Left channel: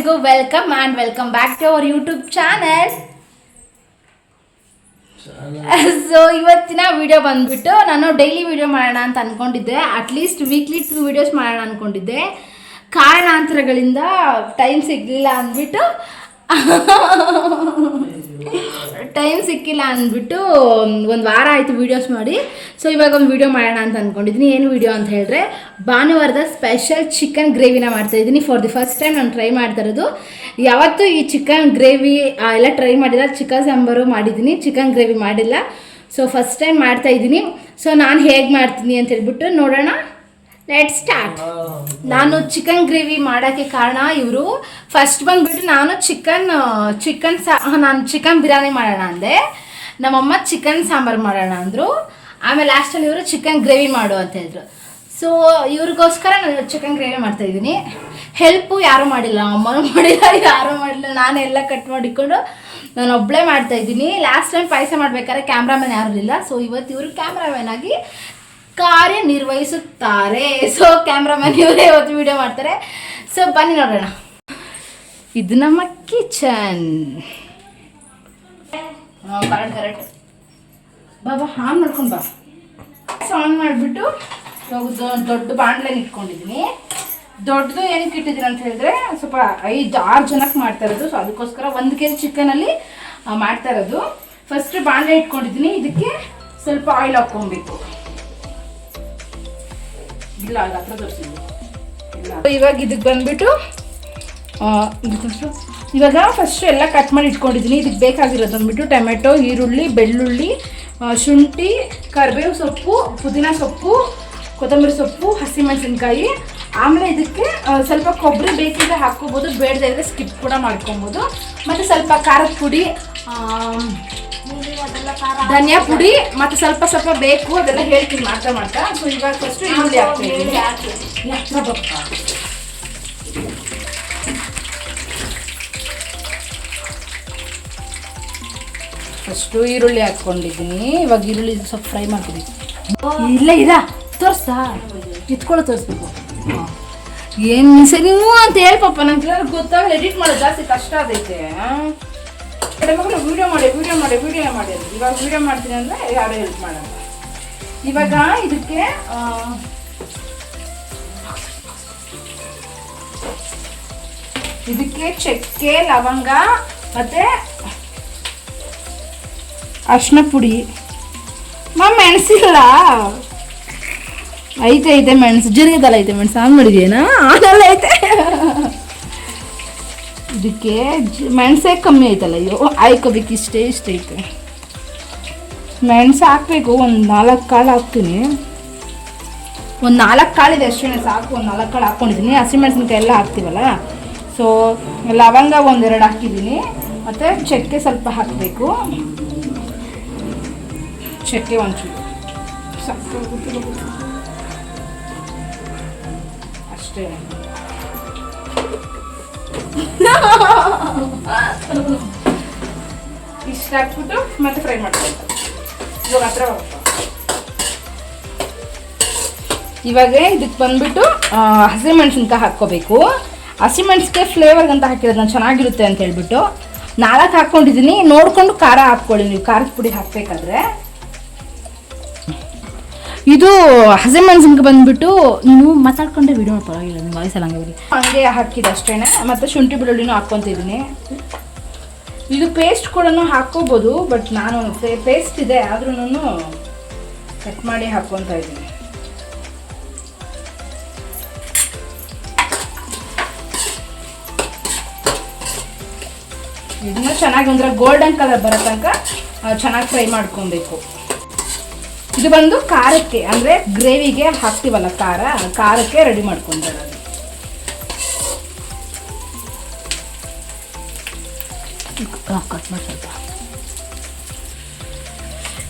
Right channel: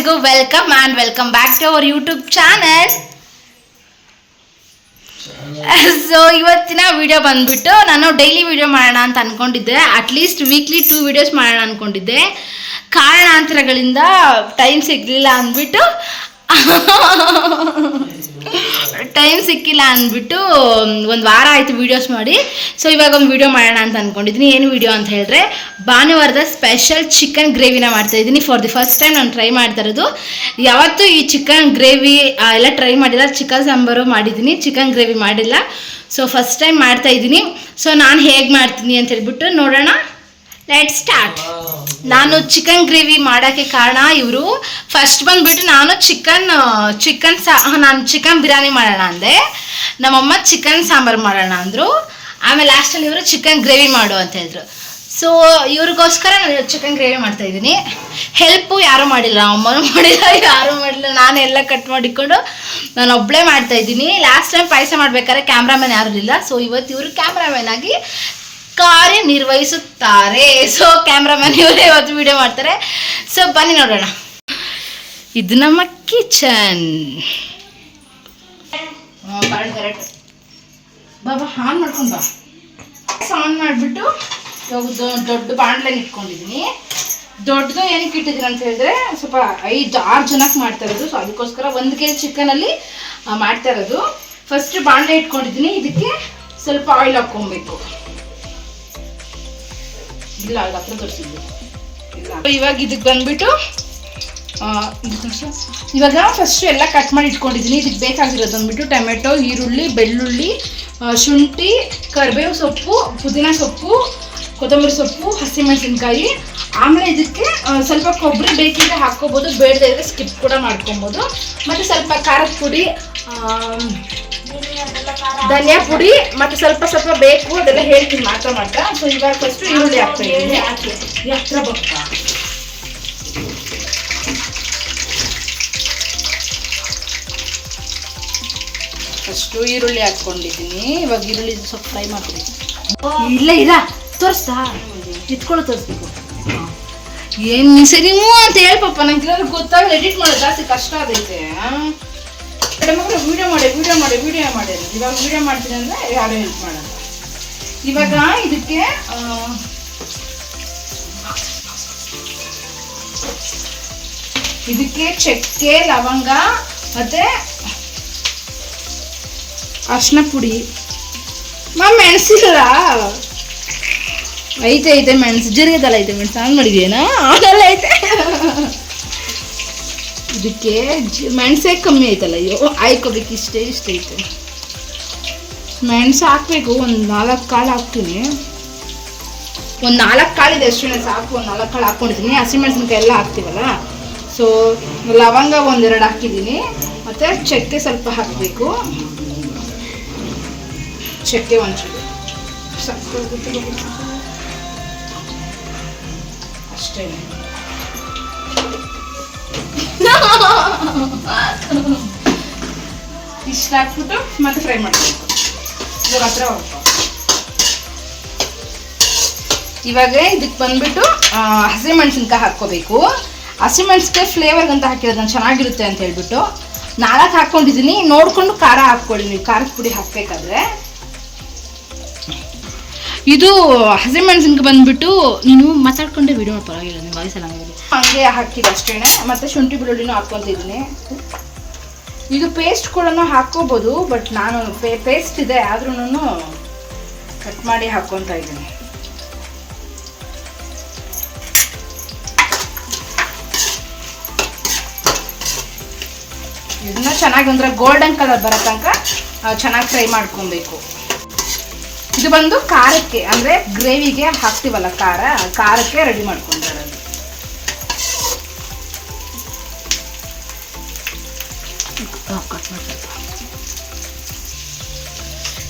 ಎಲ್ರಿಗೂ welcome back to our YouTube channel. So ಇವತ್ತಿನ video ಬಂದ್ಬಿಟ್ಟು ನಾನು ಡೈಲಿ ವಿಡಿಯೋ ಮಾಡೋಣ ಅಂತ ಅಂದ್ಕೊಂಡಿದ್ದೆ. ಅಟ್ಲೀಸ್ಟ್ ವೀಕ್ಲಿ 2 ವಿಡಿಯೋಸ್ ಮಾಡೋಣ ಅಂದ್ಕೊಂಡಿದ್ದೆ. ಕಾರಣಾಂತರಗಳಿಂದ ಟೈಮ್ ಸಿಗಲಿಲ್ಲ ಅಂದ್ಬಿಟ್ಟು ಒಂದು ವಾರ ಆಯಿತು ವೀಡಿಯೋಸ್ ಮಾಡಿ. ಸೊ ಇವಾಗ ಒಂದು ವೀಡಿಯೋ ಮಾಡೋಣ ಅಂತ ಅಂದ್ಕೊಂಡಿದ್ದೀನಿ. ಏನು ವೀಡಿಯೋ ಅಂತ ಹೇಳಿದ್ರೆ, ಭಾನುವಾರದ ಸ್ಪೆಷಲ್ ಚಿಕನ್ ಗ್ರೇವಿನ ಮಾಡ್ತಾಯಿದ್ದೀನಿ. ಫಾರ್ ದಿ ಫಸ್ಟ್ ಟೈಮ್ ನಾನು ಟ್ರೈ ಮಾಡ್ತಾ ಇರೋದು. ಯಾವತ್ತೂ ಈ ಚಿಕನ್ ಗ್ರೇವಿ ಎಲ್ಲ ಟ್ರೈ ಮಾಡಿಲ್ಲ. ಚಿಕನ್ ಸಾಂಬಾರು ಮಾಡಿದ್ದೀನಿ, ಚಿಕನ್ ಗ್ರೇವಿ ಮಾಡಿಲ್ಲ. ಸೊ ಫಸ್ಟ್ ಟೈಮ್ ಮಾಡ್ತಾಯಿದ್ದೀನಿ. ಸೊ ನಾನು ಹೇಗೆ ಮಾಡ್ತೀನಿ ಅಂತ ಹೇಳ್ಬಿಟ್ಟು ನೋಡೋಣ. Let start. ನಾನು ಚಿಕನ್ ಗ್ರೇವಿ ಮಾಡೋಕ್ಕೆ ಕಾರಣ ಇವರು. ಫಸ್ಟ್ ಬಂದುಬಿಟ್ಟು ನಾನು ಚಿಕನ್ ಬಿರಿಯಾನಿ ಮಾಡೋಣ ಅಂದೆ. ನಮ್ಮಮ್ಮ ಚಿಕನ್ ಸಾಂಬಾರು ಮಾಡೋಣ ಅಂದರು. ಆಮೇಲೆ ಲಾಸ್ಟಲ್ಲಿ ಇವರು ಚಿಕನ್ ಗ್ರೇವಿ ಮಾಡು ಅಂತ ಹೇಳಿದ್ರು. ಸೊ ಇವ್ರಿಗೋಸ್ಕರ ನಾನು ಚಿಕನ್ ಗ್ರೇವಿ ಮಾಡ್ತಾಯಿದ್ದೀನಿ. ಹೆಲ್ಪು ಯಾರೂ ಮಾಡಿಲ್ಲ, ಅಮ್ಮನೂ ಮಾಡಿಲ್ಲ, ಯಾರೂ ಮಾಡಿಲ್ಲ. ನಾನೆಲ್ಲ ಕಟ್ ಮಾಡಿಕೊಂಡು ನಾನು ಒಬ್ಬಳೇ ಮಾಡ್ತಾಯಿದ್ದೀನಿ. ಲಾಸ್ಟ್ ಟೈಮ್ ಪಾಯಸ ಮಾಡ್ಬೇಕಾದ್ರೆ ಕ್ಯಾಮ್ರಾಮನ್ ಯಾರೂ ಇಲ್ಲ. ಸೊ ಇವತ್ತು ಇವರು ಕ್ಯಾಮ್ರಾಮನ್ ಆಗಿ ಕಾರ್ಯನಿರ್ವಹಿಸುತ್ತಾರೆ. ಸೊ ಕ್ಯಾಮ್ರಾಮನ್ ಇವರೇ ಇವತ್ತು ವಿಡಿಯೋ ಮಾಡ್ತಾರೆ. ಸೊ ಬನ್ನಿ ನೋಡೋಣ. ಇದು ನಮ್ಮ ಕಿಚನ್. ಕರೆಕ್ಟ್ ಬಾಬಾ ಆನ್ ಮಾಡ್ಕೊಂಡು ಬಾ. ಆನ್ ಮಾಡಿಬಿಟ್ಟು ದೊಡ್ಡ ಬಾಣಲೆನ ಇಟ್ಕೊಂಡಿದ್ದೀನಿ. ದೊಡ್ಡದು ಏನಕ್ಕೆ ಇಟ್ಟಿದ್ದೀನಿ ಅಂತ ಹೇಳಿದ್ರೆ, ಸ್ವಲ್ಪ 5-6 ಜನಕ್ಕೆ ಮಾಡ್ತಾ ಇರೋದು. ಸೊ ಅದಕ್ಕೋಸ್ಕರ 1 kg ಚಿಕನಲ್ಲಿ ಮಾಡ್ತಾ ಇರೋದು. ಫಸ್ಟ್ ಬಾಣಲೆ ಇಟ್ಕೊಂಡಿದ್ದೀನಿ. ಇದಕ್ಕೆ ಸ್ವಲ್ಪ ಆಯಿಲ್ ಹಾಕ್ಕೊಬೇಕು. ಇಲ್ಲ ಅದು ಹತ್ರ ತೋರಿಸಿದ್ವಿ. ಇವಾಗ ಇದಕ್ಕೆ ಬಂದ್ಬಿಟ್ಟು ಇವಾಗ ಫಸ್ಟು ಎಲ್ಲ ಕಟ್ ಮಾಡಿ ಇಟ್ಕೊಂಡಿದ್ದೀನಿ. ಇದಕ್ಕೆ ಬೇಕಾಗಿರೋದು ಬಂದ್ಬಿಟ್ಟು ಟೊಮೆಟೊ, ಈರುಳ್ಳಿ, ಬೆಳ್ಳುಳ್ಳಿ, ಶುಂಠಿ, ಕರಿಬೇವು ಸೊಪ್ಪು, ಪುದೀನ ಸೊಪ್ಪು, ಕೊತ್ತಂಬರಿ ಸೊಪ್ಪು, ಹಸಿಮೆಣಸಿನ್ಕಾಯಿ. ಆಮೇಲೆ ಇದಕ್ಕೆ ಸ್ವಲ್ಪ ಕೊಬ್ಬರಿ ಬೇಕಿದ್ರೆ ಹಾಕ್ಕೋಬೋದು, ಬೇಡದೇ ಇದ್ರೆ ಸ್ಕಿಪ್ ಕೂಡ ಮಾಡ್ಕೊಬೋದು. ಮತ್ತು ಸ್ವಲ್ಪ ಖಾರದ ಪುಡಿ, ಧನಿಯಾ ಪುಡಿ, ಮತ್ತು ಸ್ವಲ್ಪ ಬೇಕು, ಅದೆಲ್ಲ ಹೇಳ್ತೀನಿ ಮಾಡ್ತಾ. ಸೊ ಇವಾಗ ಫಸ್ಟು ಈರುಳ್ಳಿ ಹಾಕ್ತಾಯಿದ್ದೀನಿ. ಹತ್ರ ಬಪ್ಪ ಫಸ್ಟು ಈರುಳ್ಳಿ ಹಾಕ್ಕೊಂಡಿದ್ದೀನಿ. ಇವಾಗ ಈರುಳ್ಳಿ ಸ್ವಲ್ಪ ಫ್ರೈ ಮಾಡ್ತೀನಿ. ಇಲ್ಲ ತೋರಿಸ್ತಾ ಇಟ್ಕೊಳ್ಳೋ ತೋರಿಸ್ಬೇಕು. ಏನು ಸರಿ ಅಂತ ಹೇಳ್ಪಪ್ಪ. ನಂಗೆ ಗೊತ್ತಾಗಲ್ಲ, ಎಡಿಟ್ ಮಾಡೋದು ಜಾಸ್ತಿ ಕಷ್ಟ ಆಗೈತೆ. ಮಕ್ಕಳು ವಿಡಿಯೋ ಮಾಡಿ ಇವಾಗ ವಿಡಿಯೋ ಮಾಡ್ತೀನಿ ಅಂದರೆ ಯಾರು ಹೆಲ್ಪ್ ಮಾಡೋಣ. ಇವಾಗ ಇದಕ್ಕೆ ಚಕ್ಕೆ, ಲವಂಗ ಮತ್ತು ಅರಿಶಿನ ಪುಡಿ. ಮೆಣಸಿಲ್ಲ ಐತೆ ಮೆಣಸು ಜರಿಗದಲ್ಲ, ಐತೆ ಮೆಣಸು ಹಂಗೆ ಮಾಡಿದೇನಾ ಆಗಲ್ಲ ಐತೆ. ಇದಕ್ಕೆ ಮೆಣಸೇ ಕಮ್ಮಿ ಐತಲ್ಲ. ಅಯ್ಯೋ ಹಾಕೋಬೇಕು. ಇಷ್ಟೇ ಐತೆ ಮೆಣಸು ಹಾಕಬೇಕು. ಒಂದು 4 ಕಾಳು ಹಾಕ್ತೀನಿ. ಒಂದು 4 ಕಾಳಿದೆ ಅಷ್ಟೇ ಸಾಕು. ಒಂದು 4 ಕಾಳು ಹಾಕ್ಕೊಂಡಿದ್ದೀನಿ. ಹಸಿಮೆಣಸಿನ್ಕಾಯಿ ಎಲ್ಲ ಹಾಕ್ತೀವಲ್ಲ. ಸೊ ಲವಂಗ 1-2 ಹಾಕಿದ್ದೀನಿ. ಮತ್ತು ಚಕ್ಕೆ ಸ್ವಲ್ಪ ಹಾಕಬೇಕು. ಚಕ್ಕೆ ಒಂಚೂರು ಅಷ್ಟೇ. ಇಷ್ಟು ಹಾಕ್ಬಿಟ್ಟು ಮತ್ತೆ ಫ್ರೈ ಮಾಡ್ಬೇಕು. ಇವಾಗ ಹತ್ರ ಇವಾಗ ಇದಕ್ಕೆ ಬಂದ್ಬಿಟ್ಟು ಹಸಿಮೆಣಸಿನ್ಕಾಯಿ ಹಾಕ್ಕೋಬೇಕು. ಹಸಿಮೆಣಸಿನ್ಕಾಯಿ ಫ್ಲೇವರ್ಗಂತ ಹಾಕಿರೋದು ನಾನು ಚೆನ್ನಾಗಿರುತ್ತೆ ಅಂತ ಹೇಳ್ಬಿಟ್ಟು 4 ಹಾಕ್ಕೊಂಡಿದ್ದೀನಿ. ನೋಡಿಕೊಂಡು ಖಾರ ಹಾಕ್ಕೊಳ್ಳಿ ನೀವು, ಖಾರದ ಪುಡಿ ಹಾಕಬೇಕಾದ್ರೆ. ಇದು ಹಸಿಮೆಣಸಿನ್ಕಾಯಿ ಬಂದ್ಬಿಟ್ಟು ನೀನು ಮಾತಾಡ್ಕೊಂಡೆ ವಿಡಿಯೋ ಪರವಾಗಿಲ್ಲ, ನಿಮ್ಮ ವಾಯ್ಸಲ್ಲ ಹಂಗೆ ಹಾಕಿದ್ದು ಅಷ್ಟೇ. ಮತ್ತು ಶುಂಠಿ ಬೆಳ್ಳುಳ್ಳಿನೂ ಹಾಕ್ಕೊತಿದ್ದೀನಿ. ಇದು ಪೇಸ್ಟ್ ಕೂಡ ಹಾಕ್ಕೋಬೋದು, ಬಟ್ ನಾನು ಪೇಸ್ಟ್ ಇದೆ ಆದ್ರೂ ಕಟ್ ಮಾಡಿ ಹಾಕ್ಕೊತಾ ಇದ್ದೀನಿ. ಇದನ್ನ ಚೆನ್ನಾಗಿ ಒಂಥರ ಗೋಲ್ಡನ್ ಕಲರ್ ಬರೋ ತನಕ ಚೆನ್ನಾಗಿ ಫ್ರೈ ಮಾಡ್ಕೊಬೇಕು. ಇದು ಬಂದು ಖಾರಕ್ಕೆ, ಅಂದರೆ ಗ್ರೇವಿಗೆ ಹಾಕ್ತೀವಲ್ಲ ಖಾರಕ್ಕೆ ರೆಡಿ ಮಾಡ್ಕೊಂತಾರೆ.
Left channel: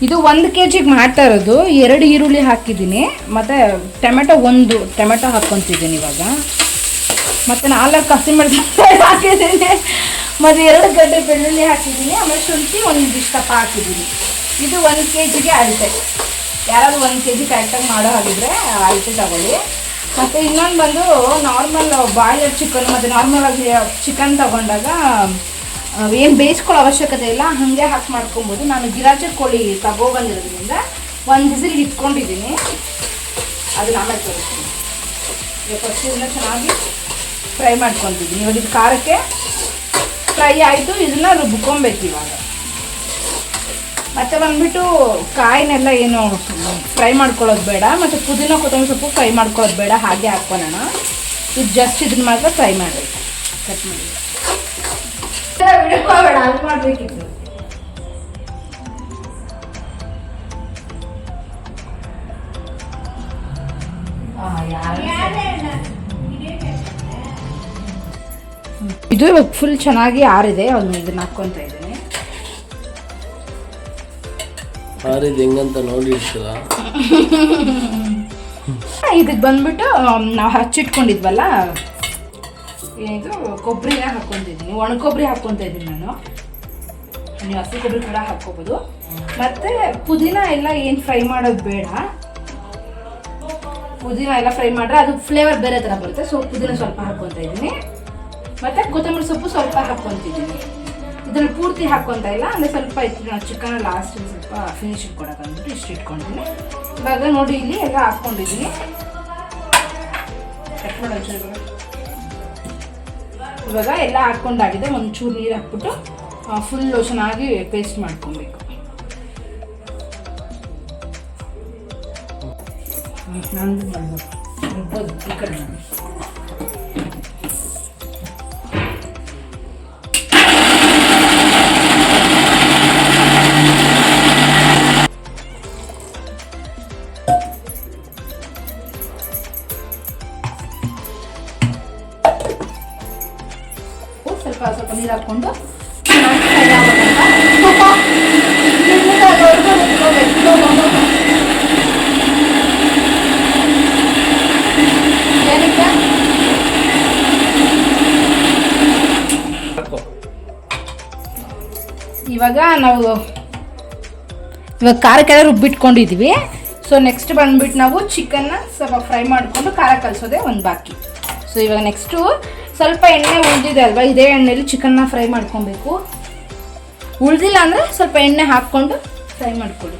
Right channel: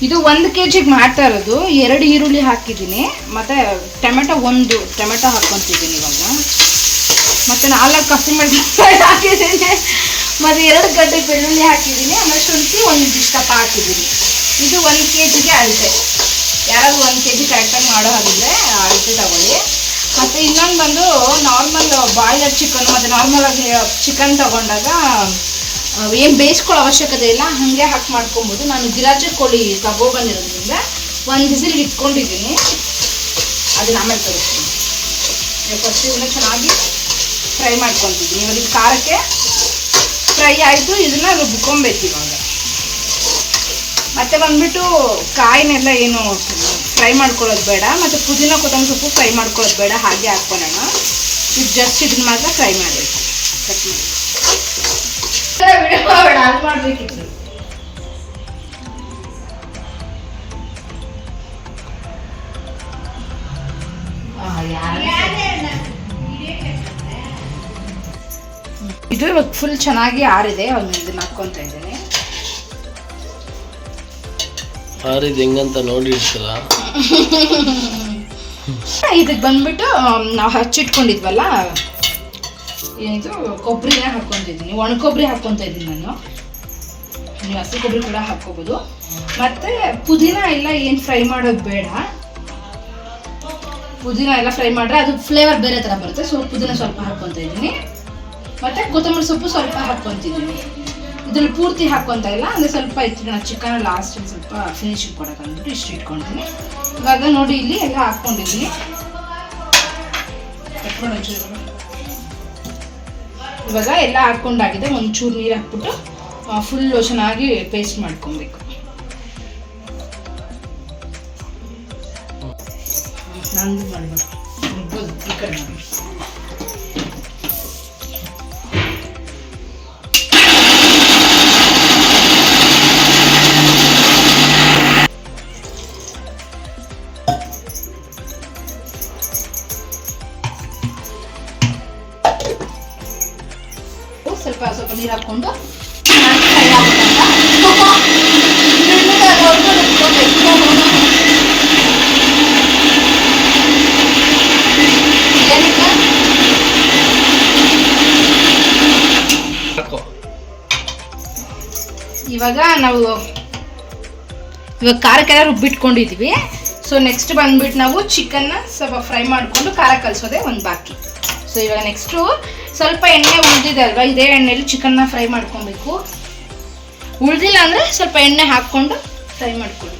ಇದು 1 kg ಮಾಡ್ತಾ ಇರೋದು. 2 ಈರುಳ್ಳಿ ಹಾಕಿದ್ದೀನಿ. ಮತ್ತು ಒಂದು ಟೊಮೆಟೊ ಹಾಕ್ಕೊತಿದ್ದೀನಿ ಇವಾಗ. ಮತ್ತು 4 ಹಸಿಮೆಣಸಿನಕಾಯಿ ಹಾಕಿದ್ದೀನಿ. ಮತ್ತು 2 ಗಡ್ಡೆ ಬೆಳ್ಳುಳ್ಳಿ ಹಾಕಿದ್ದೀನಿ. ಆಮೇಲೆ ಶುಂಠಿ ಒಂದಿಷ್ಟಪ್ಪ ಹಾಕಿದ್ದೀನಿ. ಇದು 1 kgಗೆ ಅಳತೆ. ಯಾರಾದರೂ 1 kg ಕರೆಕ್ಟಾಗಿ ಮಾಡೋ ಹಾಗಿದ್ರೆ ಅಳತೆ ತಗೊಳ್ಳಿ. ಮತ್ತು ಇನ್ನೊಂದು ಬಂದು ನಾರ್ಮಲ್ ಬಾಯ್ಲರ್ ಚಿಕನ್ ಮತ್ತು ನಾರ್ಮಲ್ ಆಗಿ ಚಿಕನ್ ತಗೊಂಡಾಗ ಏನು ಬೇಯಿಸ್ಕೊಳ್ಳೋ ಅವಶ್ಯಕತೆ ಇಲ್ಲ, ಹಾಗೆ ಹಾಕಿ ಮಾಡ್ಕೊಬೋದು. ನಾನು ಗಿರಾಜೆ ಕೋಳಿ ತಗೊಬಂದಿರೋದ್ರಿಂದ ಒಂದು ವಿಸಿಲ್ಗೆ ಇಟ್ಕೊಂಡಿದ್ದೀನಿ, ಅದನ್ನ ಆಮೇಲೆ ತೋರಿಸ್ತೀನಿ. ಫಸ್ಟ್ ಇದನ್ನ ಚೆನ್ನಾಗಿ ಫ್ರೈ ಮಾಡ್ಕೊತಿದ್ದೀನಿ. ಇವಾಗ ಇದು ಖಾರಕ್ಕೆ ಫ್ರೈ ಆಯಿತು, ಇದನ್ನು ರುಬ್ಕೊಬೇಕು ಇವಾಗ. ಮತ್ತು ಬಂದುಬಿಟ್ಟು ಕಾಯಿನೆಲ್ಲ ಏನು ಫ್ರೈ ಮಾಡ್ಕೊಳ್ಳೋದು ಬೇಡ, ಮತ್ತು ಪುದೀನ ಕೊತ್ತಂಬರಿ ಸೊಪ್ಪು ಫ್ರೈ ಮಾಡ್ಕೊಳ್ಳೋದು ಬೇಡ, ಹಾಗೆ ಹಾಕ್ಕೊಳ್ಳೋಣ. ಇದು ಜಸ್ಟ್ ಇದನ್ನ ಮಾತ್ರ ಫ್ರೈ ಮಾಡಬೇಕು, ಕಟ್ ಮಾಡಿ. ವಿಡಿಯೋ ಬೇಡ, ಅದು ಮಾಡಬೇಕಿತ್ತು. ಇದು ಇವಾಗ ಫುಲ್ ಚೆನ್ನಾಗಿ ಆರಿದೆ, ಒಂದು ಇದನ್ನ ಹಾಕ್ಕೊಂತ ಇದ್ದೀನಿ. ಆರಿದ ಹೆಂಗಂತ ನೋಡಿರ್ತೀರ. ಇದಕ್ಕೆ ಬಂದ್ಬಿಟ್ಟು ನಾವು ಹಚ್ಚಿಟ್ಕೊಂಡಿದ್ವಲ್ಲ ಏನಿದು ಕೊಬ್ಬರಿನ ಹಾಕ್ಕೊತಿದ್ದೀನಿ, ಒಣ ಕೊಬ್ಬರಿ ಹಾಕ್ಕೊತ ಇದ್ದೀನಿ ನಾನು. ನೀವು ಹಸಿ ಕೊಬ್ಬರಿ ಕೂಡ ಹಾಕ್ಕೋಬೋದು. ಮತ್ತು ಪುದೀನ ಎಲ್ಲ ಏನು ಫ್ರೈ ಮಾಡೋದು ಬೇಡ, ಪುದೀನ ಎಲ್ಲ ಫ್ರೈ ಮಾಡಿದ್ರೆ ಅದು ಫ್ಲೇವರ್ ಬೇರೆ ಥರ ಬರುತ್ತೆ. ಸೊ ಪುದೀನ ಸ್ವಲ್ಪ ಹಾಕ್ಕೊತ ಇದ್ದೀನಿ, ಮತ್ತು ಕೊತ್ತಂಬರಿ ಸೊಪ್ಪು ಸ್ವಲ್ಪ ಹಾಕ್ಕೊತಿದ್ದೀನಿ. ಇದ್ರಲ್ಲಿ ಪೂರ್ತಿ ಹಾಕ್ಕೊತ ಇಲ್ಲ, ಅಂದರೆ ಸ್ವಲ್ಪ ಇತ್ತು. ನಾನು ಚಿಕನ್ ಲಾಸ್ಟಲ್ಲಿ ಸ್ವಲ್ಪ ಫಿನಿಶಿಂಗ್ ಕೊಡೋಕೆ ಅಂದ್ಬಿಟ್ಟು ಇಷ್ಟು ಇಟ್ಕೊಂಡಿದ್ದೀನಿ. ಇವಾಗ ನೋಡಿ ಇಲ್ಲಿ ಎಲ್ಲ ಹಾಕ್ಕೊಂಡಿದ್ದೀನಿ. ಇವಾಗ ಎಲ್ಲ ಹಾಕ್ಕೊಂಡಾಗಿದೆ. ಒಂಚೂರು ನೀರು ಹಾಕ್ಬಿಟ್ಟು ಫುಲ್ಲು ಚೆನ್ನಾಗಿ ಪೇಸ್ಟ್ ಮಾಡ್ಕೊಬೇಕು. ನಂದು ಮಾಡ್ಬೋದು ಈ ಕಡೆ ಮಾಡಿ. ಸ್ವಲ್ಪ ಸ್ವಲ್ಪ ನೀರು ಹಾಕ್ಕೊಂಡು ಫ್ರೈ ಇವಾಗ ನಾವು ಖಾರಕ್ಕೆಲ್ಲ ರುಬ್ಬಿಟ್ಕೊಂಡಿದ್ದೀವಿ. ಸೊ ನೆಕ್ಸ್ಟ್ ಬಂದ್ಬಿಟ್ಟು ನಾವು ಚಿಕನ್ನ ಸ್ವಲ್ಪ ಫ್ರೈ ಮಾಡಿಕೊಂಡು ಖಾರ ಕಲಿಸೋದೇ ಒಂದು ಬಾಕಿ. ಸೊ ಇವಾಗ ನೆಕ್ಸ್ಟು ಸ್ವಲ್ಪ ಎಣ್ಣೆ ಉಳಿದಿದೆ ಅಲ್ವಾ, ಇದೇ ಎಣ್ಣೆಯಲ್ಲಿ ಚಿಕನ್ನ ಫ್ರೈ ಮಾಡ್ಕೊಬೇಕು. ಉಳಿದಿಲ್ಲ ಅಂದರೆ ಸ್ವಲ್ಪ ಎಣ್ಣೆ ಹಾಕ್ಕೊಂಡು ಫ್ರೈ ಮಾಡ್ಕೊಳ್ಳಿ.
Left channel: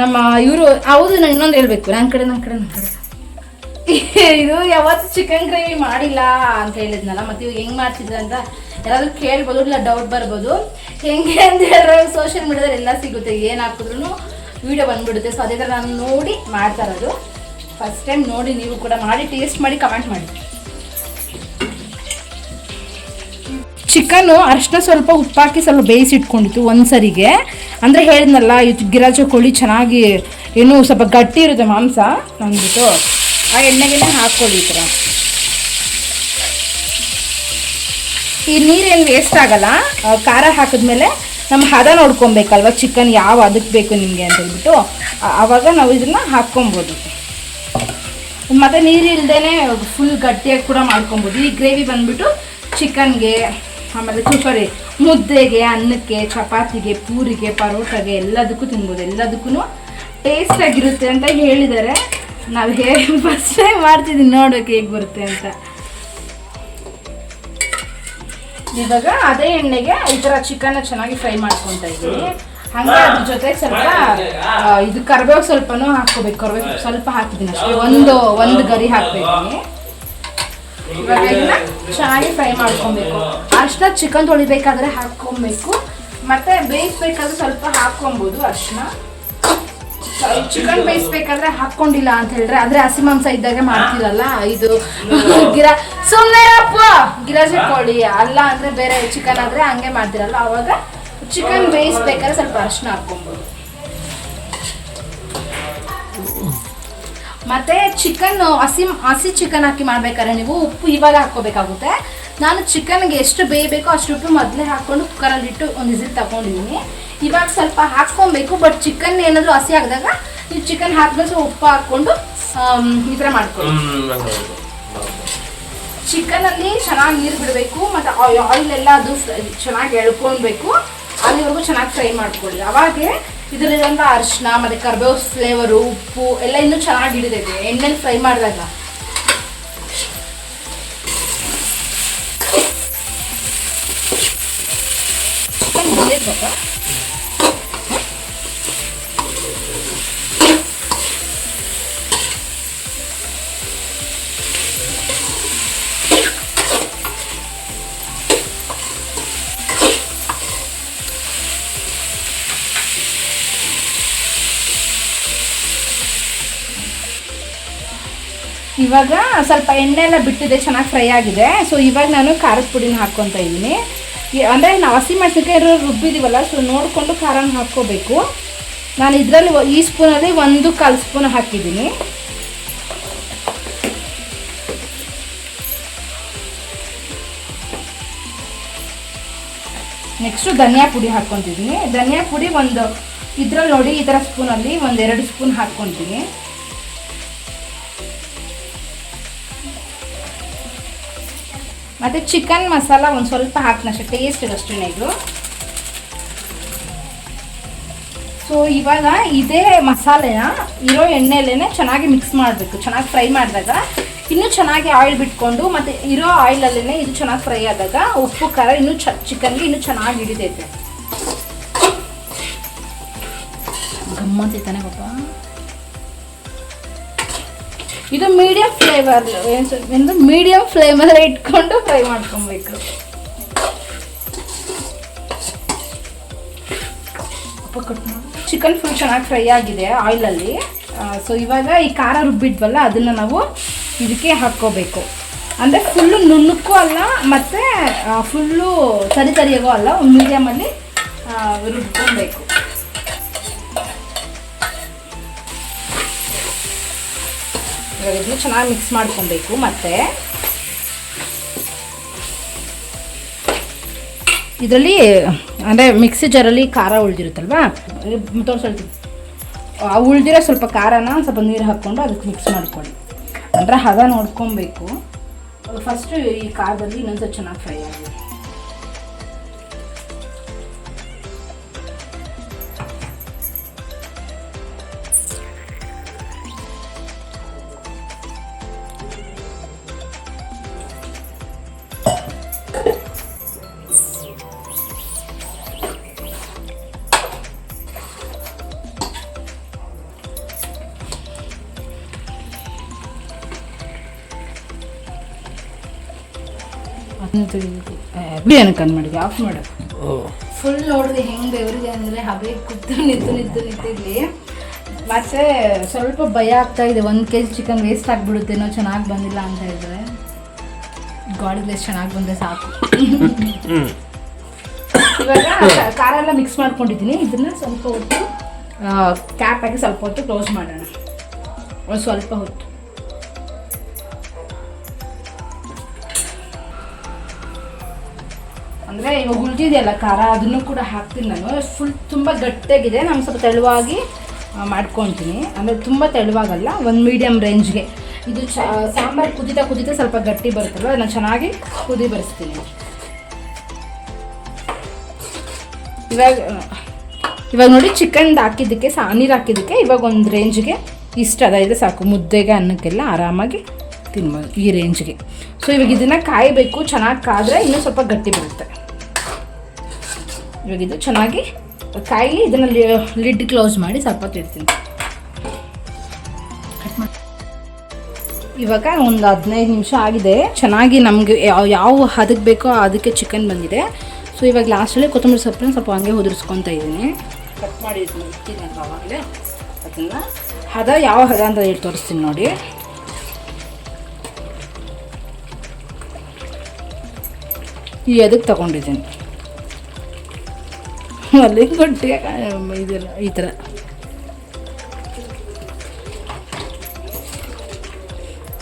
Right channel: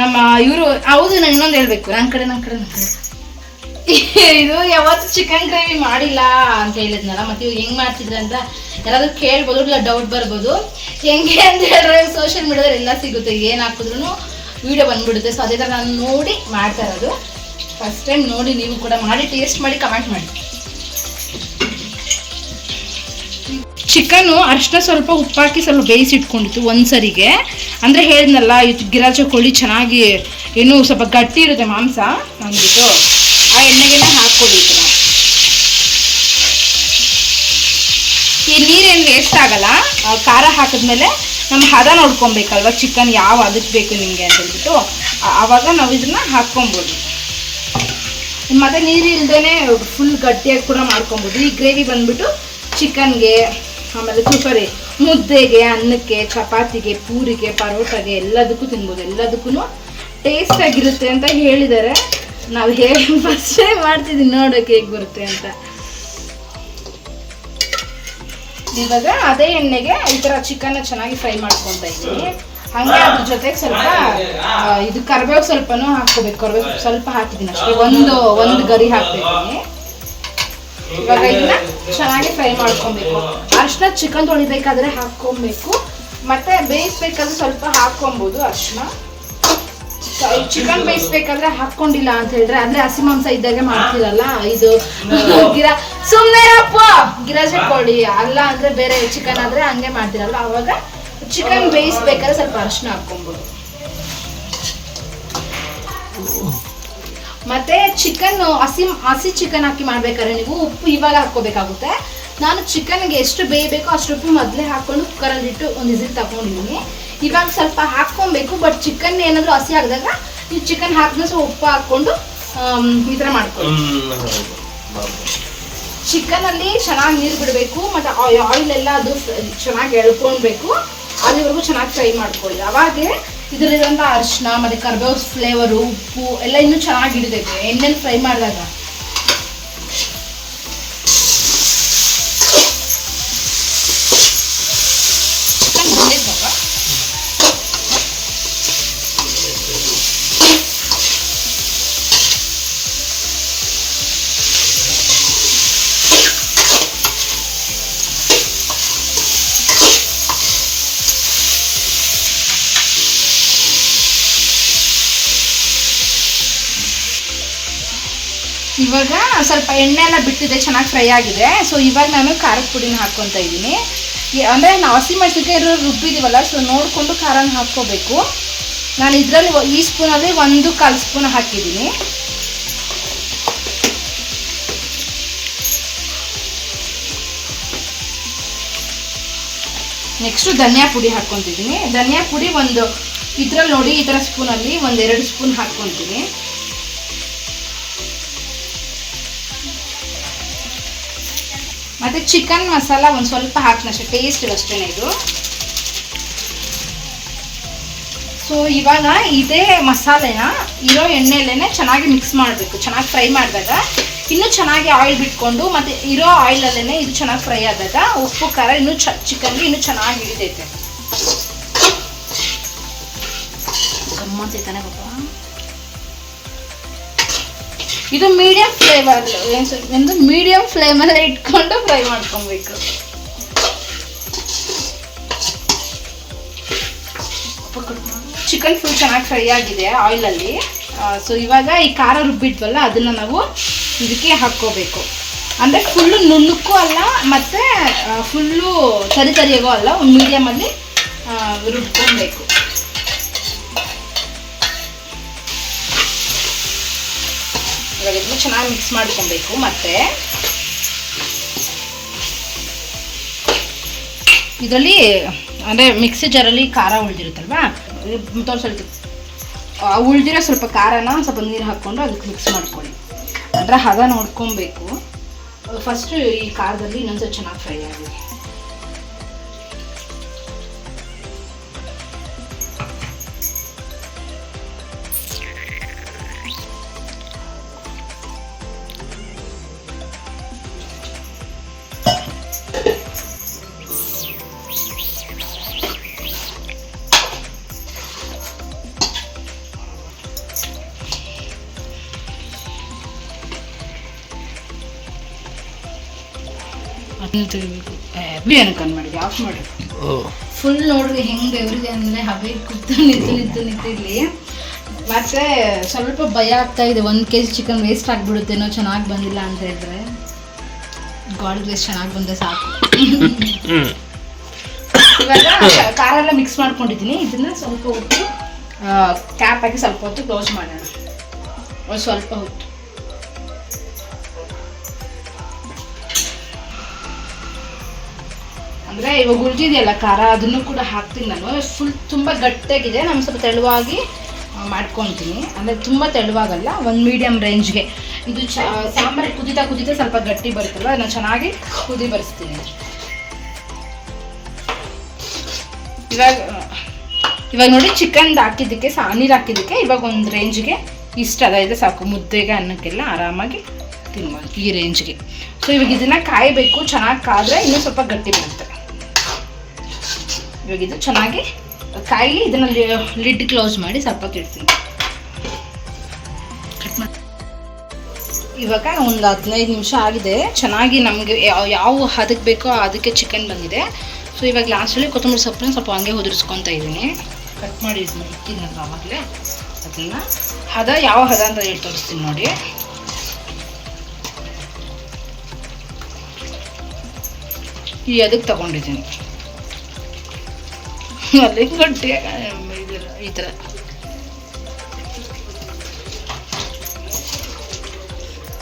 ನಮ್ಮ ಇವರು ಹೌದು, ನಾನು ಇನ್ನೊಂದು ಹೇಳ್ಬೇಕು, ನನ್ನ ಕಡೆ ಇದು ಯಾವತ್ತು ಚಿಕನ್ ಗ್ರೇವಿ ಮಾಡಿಲ್ಲ ಅಂತ ಹೇಳಿದ್ನಲ್ಲ, ಮತ್ತು ಇವಾಗ ಹೆಂಗೆ ಮಾಡ್ತಿದ್ರೆ ಅಂತ ಯಾರಾದರೂ ಕೇಳ್ಬೋದು, ಇಲ್ಲ ಡೌಟ್ ಬರ್ಬೋದು. ಹೆಂಗೆ ಅಂತ ಹೇಳಿದ್ರೆ ಸೋಷಿಯಲ್ ಮೀಡಿಯಾದಲ್ಲಿ ಎಲ್ಲ ಸಿಗುತ್ತೆ, ಏನು ಹಾಕಿದ್ರೂ ವೀಡಿಯೋ ಬಂದುಬಿಡುತ್ತೆ. ಸೊ ಅದೇ ಥರ ನಾನು ನೋಡಿ ಮಾಡ್ತಾ ಇರೋದು. ಫಸ್ಟ್ ಟೈಮ್ ನೋಡಿ ನೀವು ಕೂಡ ಮಾಡಿ ಟೇಸ್ಟ್ ಮಾಡಿ ಕಮೆಂಟ್ ಮಾಡಿ. ಚಿಕನ್ನು ಅರಿಶಿನ ಸ್ವಲ್ಪ ಉಪ್ಪಾಕಿ ಸ್ವಲ್ಪ ಬೇಯಿಸಿಟ್ಕೊಂಡಿತ್ತು ಒಂದ್ಸರಿಗೆ. ಅಂದರೆ ಹೇಳಿದ್ನಲ್ಲ, ಇದು ಗಿರಾಜೆ ಕೋಳಿ ಚೆನ್ನಾಗಿ ಏನು ಸ್ವಲ್ಪ ಗಟ್ಟಿ ಇರುತ್ತೆ ಮಾಂಸ ಅಂದ್ಬಿಟ್ಟು ಆ ಎಣ್ಣೆಗೆ ಹಾಕ್ಕೊಳ್ಳಿ. ಈ ಥರ ಈ ನೀರೇನು ವೇಸ್ಟ್ ಆಗಲ್ಲ. ಖಾರ ಹಾಕಿದ್ಮೇಲೆ ನಮ್ಮ ಹದ ನೋಡ್ಕೊಬೇಕಲ್ವ, ಚಿಕನ್ ಯಾವ ಅದಕ್ಕೆ ಬೇಕು ನಿಮಗೆ ಅಂತ ಹೇಳ್ಬಿಟ್ಟು ಆವಾಗ ನಾವು ಇದನ್ನು ಹಾಕ್ಕೊಬೋದು. ಮತ್ತು ನೀರು ಇಲ್ಲದೇ ಫುಲ್ ಗಟ್ಟಿಯಾಗಿ ಕೂಡ ಮಾಡ್ಕೊಬೋದು. ಈ ಗ್ರೇವಿ ಬಂದ್ಬಿಟ್ಟು ಚಿಕನ್ಗೆ, ಆಮೇಲೆ ಸಾರಿ ಮುದ್ದೆಗೆ, ಅನ್ನಕ್ಕೆ, ಚಪಾತಿಗೆ, ಪೂರಿಗೆ, ಪರೋಟಾಗೆ ಎಲ್ಲದಕ್ಕೂ ತಿನ್ಬೋದು. ಎಲ್ಲದಕ್ಕೂ ಟೇಸ್ಟಾಗಿರುತ್ತೆ ಅಂತ ಹೇಳಿದ್ದಾರೆ. ನಾವು ಹೇಗೆ ಫಸ್ಟ್ ಟೈಮ್ ಮಾಡ್ತಿದ್ದೀನಿ, ನೋಡೋಕ್ಕೆ ಹೇಗೆ ಬರುತ್ತೆ ಅಂತ. ಇವಾಗ ಅದೇ ಎಣ್ಣೆಗೆ ಈ ಥರ ಚಿಕನ್ನ ಚೆನ್ನಾಗಿ ಫ್ರೈ ಮಾಡ್ಕೊತಾ ಇದ್ದೀನಿ. ಹಾಗೆ ಅದ್ರ ಜೊತೆ ಸ್ವಲ್ಪ ಇದು ಕರಿಬೇವು ಸ್ವಲ್ಪನೂ ಹಾಕ್ಕೋಬೇಕು. ಕರಿಬೇವು ಸ್ವಲ್ಪ ಹಾಕಿದ್ದೀನಿ ಅಷ್ಟೇ, ಒಂದು ಗರಿ ಹಾಕ್ಬೇಕು. ಇವಾಗ ಇದನ್ನ ಚೆನ್ನಾಗಿ ಫ್ರೈ ಮಾಡ್ಕೊಬೇಕು. ಅರಿಶಿನ ಚಿಕನ್ ತೊಳಿಬೇಕಾದ್ರೆ ಹಾಕ್ಕೊಬೇಕು, ಮತ್ತು ಬೇಯಿಸ್ಬೇಕಾದ್ರೆ ಸ್ವಲ್ಪ ಹಾಕ್ಕೊಬೋದು ಅರಿಶಿನ. ಚಿಕನ್ ಬೇಯಿಸ್ಬೇಕಾದ್ರೆ ಹಾಕ್ಕೊಂಡಿಲ್ಲ ಅಂತ ಹೇಳಿದ್ರೆ, ಅಂದರೆ ಹಸಿ ಮಾಂಸ ಇದ್ದಾಗ ಮಾಡ್ತೀರಲ್ಲ, ಇದು ಸುಮ್ಮನೆ ಗಿರಾಜೆ ಕೋಳಿ ಅಲ್ಲ ಅಂದರೆ ಬೇರೆ ಚಿಕನ್ ಆದರೆ ಹಂಗೆ ಮಾಡ್ತೀರಲ್ಲ, ಅವಾಗ ಚಿಕನ್ ಬೇಯಿಸ್ಬೇಕಾದ್ರೆ ಸ್ವಲ್ಪ ಅರಿಶಿನ ಹಾಕ್ಕೊಬೋದು. ಮತ್ತು ಚಿಕನ್ ಹಸಿ ಚಿಕನ್ ಹಾಕಿ ಮಾಡ್ಬೇಕಾದ್ರೆ ನೀವು ಉಪ್ಪು ಇವಾಗ ಹಾಕ್ಕೋಬೇಕಾಗುತ್ತೆ. ನಾನು ಚಿಕನ್ಗೆ ಎಷ್ಟು ಬೇಯಬೇಕೋ ಅಷ್ಟು ಉಪ್ಪು ಮೊದಲೇ ಹಾಕ್ಕೊಂಡು ಕುಕ್ಕರಲ್ಲಿ ಇಟ್ಟು ಒಂದು ವಿಸಿಲ್ ತಗೊಂಡಿದ್ದೀನಿ. ಇವಾಗ ಸ್ವಲ್ಪ ಹಾಕ್ಕೊಬೇಕು, ಬಟ್ ಚಿಕನ್ ಏನಾದರೂ ಹಸಿ ಆಗಿದಾಗ ನೀವು ಚಿಕನ್ ಹಾಕಿದ್ರೆ ಉಪ್ಪು ಹಾಕ್ಕೊಂಡು ಈ ಥರ ಮಾಡ್ಕೊಳ್ಳಿ. ಚಿಕನಲ್ಲಿ ಚೆನ್ನಾಗಿ ನೀರು ಬಿಡಬೇಕು, ಮತ್ತು ಆಯಿಲ್ ಎಲ್ಲ ಅದು ಚೆನ್ನಾಗಿ ಎಳ್ಕೊಳ್ಬೇಕು. ಅಲ್ಲಿವರೆಗೂ ಚೆನ್ನಾಗಿ ಫ್ರೈ ಮಾಡ್ಕೊಳ್ಳಿ. ಅವಾಗೆ ಇದರಲ್ಲಿರುವಂಥ ಅರಿಶಿನ ಮತ್ತು ಕರ್ಬೇವು ಫ್ಲೇವರು, ಉಪ್ಪು ಎಲ್ಲ ಇನ್ನೂ ಚೆನ್ನಾಗಿ ಹಿಡಿದೈತೆ ಎಣ್ಣೆಲಿ ಫ್ರೈ ಮಾಡಿದಾಗ. ಚಿಕನ್ ಬಂದಿದ್ದು ಇವಾಗ ಸ್ವಲ್ಪ ಎಣ್ಣೆ ಎಲ್ಲ ಬಿಟ್ಟಿದೆ, ಚೆನ್ನಾಗಿ ಫ್ರೈ ಆಗಿದೆ. ಸೊ ಇವಾಗ ನಾನು ಖಾರದ ಪುಡಿನ ಹಾಕ್ಕೊತಾ ಇದ್ದೀನಿ. ಅಂದರೆ ನಾವು ಹಸಿಮೆಣಸಿನಕಾಯಿ ಇರೋ ರುಬ್ಬಿದ್ದೀವಲ್ಲ, ಸೊ ನೋಡಿಕೊಂಡು ಖಾರನ ಹಾಕ್ಕೋಬೇಕು. ನಾನು ಇದರಲ್ಲಿ ಈ ಸ್ಪೂನಲ್ಲಿ 1/4 ಸ್ಪೂನ್ ಹಾಕಿದ್ದೀನಿ. ನೆಕ್ಸ್ಟು ಧನಿಯಾ ಪುಡಿ ಹಾಕ್ಕೊತಿದ್ದೀನಿ. ಧನಿಯಾ ಪುಡಿ ಇದರಲ್ಲಿ ನೋಡಿ ಈ ಥರ ಸ್ಪೂನಲ್ಲಿ 1-2 ಸ್ಪೂನ್ ಹಾಕ್ಕೊತೀನಿ. ಮತ್ತು ಚಿಕನ್ ಮಸಾಲ ಒಂದು ಸ್ವಲ್ಪ ಹಾಕ್ನಷ್ಟೇ, ಟೇಸ್ಟಿಗೆ ಅಷ್ಟೇ ಇದು. ಸೊ ಇವಾಗ ಇದೇ ಮಸಾಲೆನ ಇರೋ ಎಣ್ಣೆಯಲ್ಲೇ ಚೆನ್ನಾಗಿ ಮಿಕ್ಸ್ ಮಾಡಬೇಕು. ಚೆನ್ನಾಗಿ ಫ್ರೈ ಮಾಡಿದಾಗ ಇನ್ನೂ ಚೆನ್ನಾಗಿ ಆಯಿಲ್ ಬಿಟ್ಕೊಂಡು, ಮತ್ತು ಇರೋ ಆಯಿಲಲ್ಲೇ ಇದು ಚೆನ್ನಾಗಿ ಫ್ರೈ ಆದಾಗ ಉಪ್ಪು ಖಾರ ಇನ್ನೂ ಚಿಕನ್ಗೆ ಇನ್ನೂ ಚೆನ್ನಾಗಿ ಹಿಡಿದೈತೆ. ಗಮ್ಮಂತೈತಾನೆ ಪಾಪ. ಇದು ಮೀಡಿಯಂ ಮೀಡಿಯಂ ಫ್ಲೇಮಲ್ಲಿ ಇಟ್ಕೊಂಡು ಫ್ರೈ ಮಾಡ್ಕೊಬೇಕು. ಚಿಕನ್ ಫುಲ್ ಚೆನ್ನಾಗಿ ಫ್ರೈ ಆಗಿದೆ ಆಯಿಲಲ್ಲಿ. ಸೊ ಇವಾಗ ಈ ಖಾರ ರುಬ್ಬಿದ್ವಲ್ಲ ಅದನ್ನು ನಾವು ಇದಕ್ಕೆ ಹಾಕ್ಕೋಬೇಕು. ಅಂದರೆ ಫುಲ್ಲು ನುಣ್ಣಕ್ಕೂ ಅಲ್ಲ ಮತ್ತು ಫುಲ್ಲು ತರಿಯಾಗೋ ಅಲ್ಲ, ಒಂದು ಮೀಡಿಯಮಲ್ಲಿ ರುಬ್ಕೊಬೇಕು. ಇವಾಗ ಇದನ್ನು ಚೆನ್ನಾಗಿ ಮಿಕ್ಸ್ ಮಾಡ್ಕೊಬೇಕು. ಮತ್ತು ಇದರಲ್ಲಿ ಅಂದರೆ ಮಿಕ್ಸಿ ಜಾರಲ್ಲಿ ಖಾರ ಉಳಿದಿರುತ್ತಲ್ವ, ಸ್ವಲ್ಪ ಉಳಿದಿರೋ ಸ್ವಲ್ಪ ಖಾರನ ಸ್ವಲ್ಪ ನೀರು ಹಾಕ್ಕೊಂಡು ಅದಕ್ಕೆ ಮಿಕ್ಸ್ ಮಾಡ್ಕೊಳ್ಳಿ. ಅಂದರೆ ಹದ ನೋಡ್ಕೊಬೇಕು. ಫಸ್ಟು ಈ ಖಾರದಲ್ಲಿ ಇನ್ನೊಂದ್ಸಲ ಚೆನ್ನಾಗಿ ಫ್ರೈ ಆಗಿದೆ. ಅದನ್ನ ತೆಗಿಬೇಕು. ಏನಕ್ಕೆ ಮಾಡಿದೆ, ಆಫ್ ಮಾಡು. ಫುಲ್ ನೋಡಿದ್ರೆ ಹೆಂಗೆ ಬೆವರಿಗೆ ಅಂದರೆ ಹಬೆ ಕೂತು ನಿಂತಿರಲಿ. ಮತ್ತು ಸ್ವಲ್ಪ ಭಯ ಆಗ್ತಾ ಇದೆ, 1 kg ಚಿಕನ್ ವೇಸ್ಟ್ ಆಗಿಬಿಡುತ್ತೇನೋ ಚೆನ್ನಾಗಿ ಬಂದಿಲ್ಲ ಅಂತ ಹೇಳಿದ್ರೆ. ಗಾಡ್ ಗ್ಲೇಸ್ ಚೆನ್ನಾಗಿ ಬಂದರೆ ಸಾಕು. ಇವಾಗ ಖಾರ ಎಲ್ಲ ಮಿಕ್ಸ್ ಮಾಡ್ಕೊಂಡಿದ್ದೀನಿ. ಇದನ್ನು ಸ್ವಲ್ಪ ಹೊತ್ತು ಕ್ಯಾಪ್ ಹಾಕಿ ಸ್ವಲ್ಪ ಹೊತ್ತು ಕ್ಲೋಸ್ ಮಾಡೋಣ. ಒಂದು ಸ್ವಲ್ಪ ಹೊತ್ತು. ಅಂದರೆ ಇವಾಗ ಉಳಿದಿದೆಯಲ್ಲ ಖಾರ, ಅದನ್ನು ಕೂಡ ಹಾಕ್ತೀನಿ ನಾನು. ಫುಲ್ ತುಂಬ ಗಟ್ಟಿಯಾಗಿದೆ, ನಾನು ಸ್ವಲ್ಪ ತೆಳುವಾಗಿ ಮಾಡ್ಕೊತೀನಿ. ಅಂದರೆ ತುಂಬ ತೆಳುವಾಗಲ್ಲ, ಒಂದು ಮೀಡಿಯಮ್ ರೇಂಜ್ಗೆ. ಇದು ಸಾಂಬಾರು ಕುದೀತಾ ಸ್ವಲ್ಪ ಗಟ್ಟಿ ಬರುತ್ತಲ್ಲ, ಅದನ್ನು ಚೆನ್ನಾಗಿ ಕುದಿ ಬರೆಸ್ತೀನಿ. ಇವಾಗ ನೋಡಿ ಚಿಕನ್ ಹಾಕಿದ್ದಕ್ಕೆ ನೀರು ಹಾಕಿದ್ದಕ್ಕೆ ಇವಾಗ ಒಂದು ರೇಂಜ್ಗೆ ಇಷ್ಟ ಅದಾಯಿದೆ ಸಾಕು. ಮುದ್ದೆಗೆ ಅನ್ನಕ್ಕೆಲ್ಲ ಆರಾಮಾಗಿ ತಿನ್ಬೋದು ಈ ರೇಂಜ್ಗೆ. ಸೊ ಇವಾಗ ಇದನ್ನು ಕಾಯಬೇಕು, ಚೆನ್ನಾಗಿ ಕಾದರೆ ಇನ್ನೂ ಸ್ವಲ್ಪ ಗಟ್ಟಿ ಬರುತ್ತೆ. ಇವಾಗ ಇದು ಚೆನ್ನಾಗಿ ಕಾಯಿ, ಇದನ್ನು ಲಿಡ್ ಕ್ಲೋಸ್ ಮಾಡಿ ಸ್ವಲ್ಪ ಇಡ್ತೀನಿ. ಇವಾಗ ಒಂದು 15 ನಿಮಿಷ ಆಗಿದೆ. ಚೆನ್ನಾಗಿ ನಮಗೆ ಯಾವ ಹದಕ್ಕೆ ಬೇಕೋ ಅದಕ್ಕೆ ಚಿಕನ್ ಬಂದಿದೆ. ಸೊ ಇವಾಗ ಲಾಸ್ಟಲ್ಲಿ ಕೊತ್ತಂಬರಿ ಸೊಪ್ಪನ್ನ ಸ್ವಲ್ಪ ಹಂಗೆ ಉದುರಿಸ್ಕೊತಾ ಇದ್ದೀನಿ. ಕಟ್ ಮಾಡಿ ಇದು ಮಾಡ್ತೀನಿ ಅಂತ ಆವಾಗಲೇ ಅದನ್ನು ಹದ ಯಾವ ಹದ ಅಂತ ಹೇಳಿ ತೋರಿಸ್ತೀನಿ ನೋಡಿ. ಈ ಅದಕ್ಕೆ ತಗೊಂಡಿದ್ದೀನಿ ಅಲ್ಲಿ ಗಟ್ಟಿ ಈ ಥರ.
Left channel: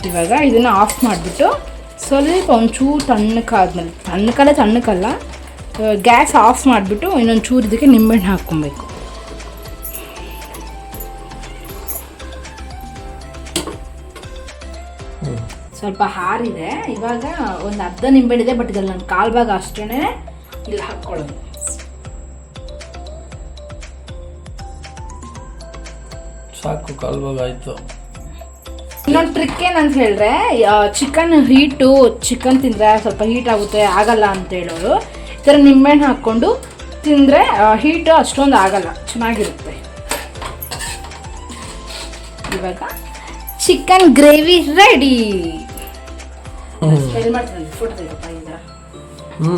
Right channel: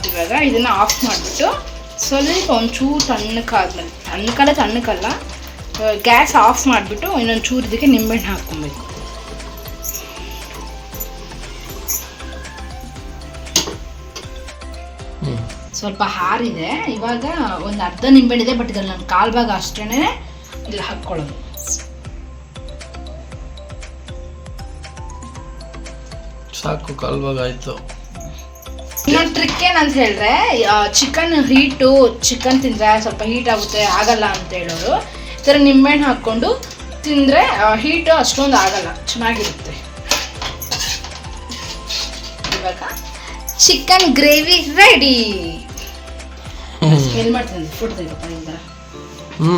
ಇವಾಗ ಇದನ್ನು ಆಫ್ ಮಾಡಿಬಿಟ್ಟು ಸ್ವಲ್ಪ ಒಂಚೂರು ತಣ್ಣಕ್ಕಲ್ಲ ಗ್ಯಾಸ್ ಆಫ್ ಮಾಡಿಬಿಟ್ಟು ಇನ್ನೊಂದು ಚೂರು ಇದಕ್ಕೆ ನಿಂಬೆಹಣ್ಣು ಹಾಕ್ಕೊಬೇಕು. ಸ್ವಲ್ಪ ಹಾರಿದೆ. ಇವಾಗ ಒಂದು ಅರ್ಧ ನಿಂಬೆಹಣ್ಣಿದೆ, ಬಟ್ ಇದ್ರಲ್ಲಿ ನಾನು 1/4 ಭಾಗ ಅಷ್ಟೇ ಇಲ್ಲಿ ಹಾಕ್ಕೊಳ್ಳೋದು. ಸಾಕು ಕಾಲ್ಭಾಗ ಆಯಿತು. ಇನ್ನೊಂದು ಟ್ರಿಕ್ ಏನಂತ ಹೇಳಿದ್ರೆ ಚಿಕನ್ ಹೀಟು ಚಿಕನ್ ತಿಂದರೆ ಸ್ವಲ್ಪ ಹೀಟ್ ಆಗುತ್ತೆ ಆಗಲ್ಲ ಅಂತ ಹೇಳೋರು. ಈ ಥರ ನಿಂಬೆಹಣ್ಣು ಹಾಕ್ಕೊಂಡು ತಿಂದರೆ ಹೀಟು ಅಷ್ಟೊಂದು ಆಗಲ್ಲ, ಚೆನ್ನಾಗಿರುತ್ತೆ. ಇವಾಗ ಚಿಕನ್ ಗ್ರೇವಿ ರೆಡಿ. ಸ್ಮೆಲ್ ಮಾಡ್ತೀನಿ ಫುಡ್ ತೆಗಪ್ಪ. ಹ್ಞೂ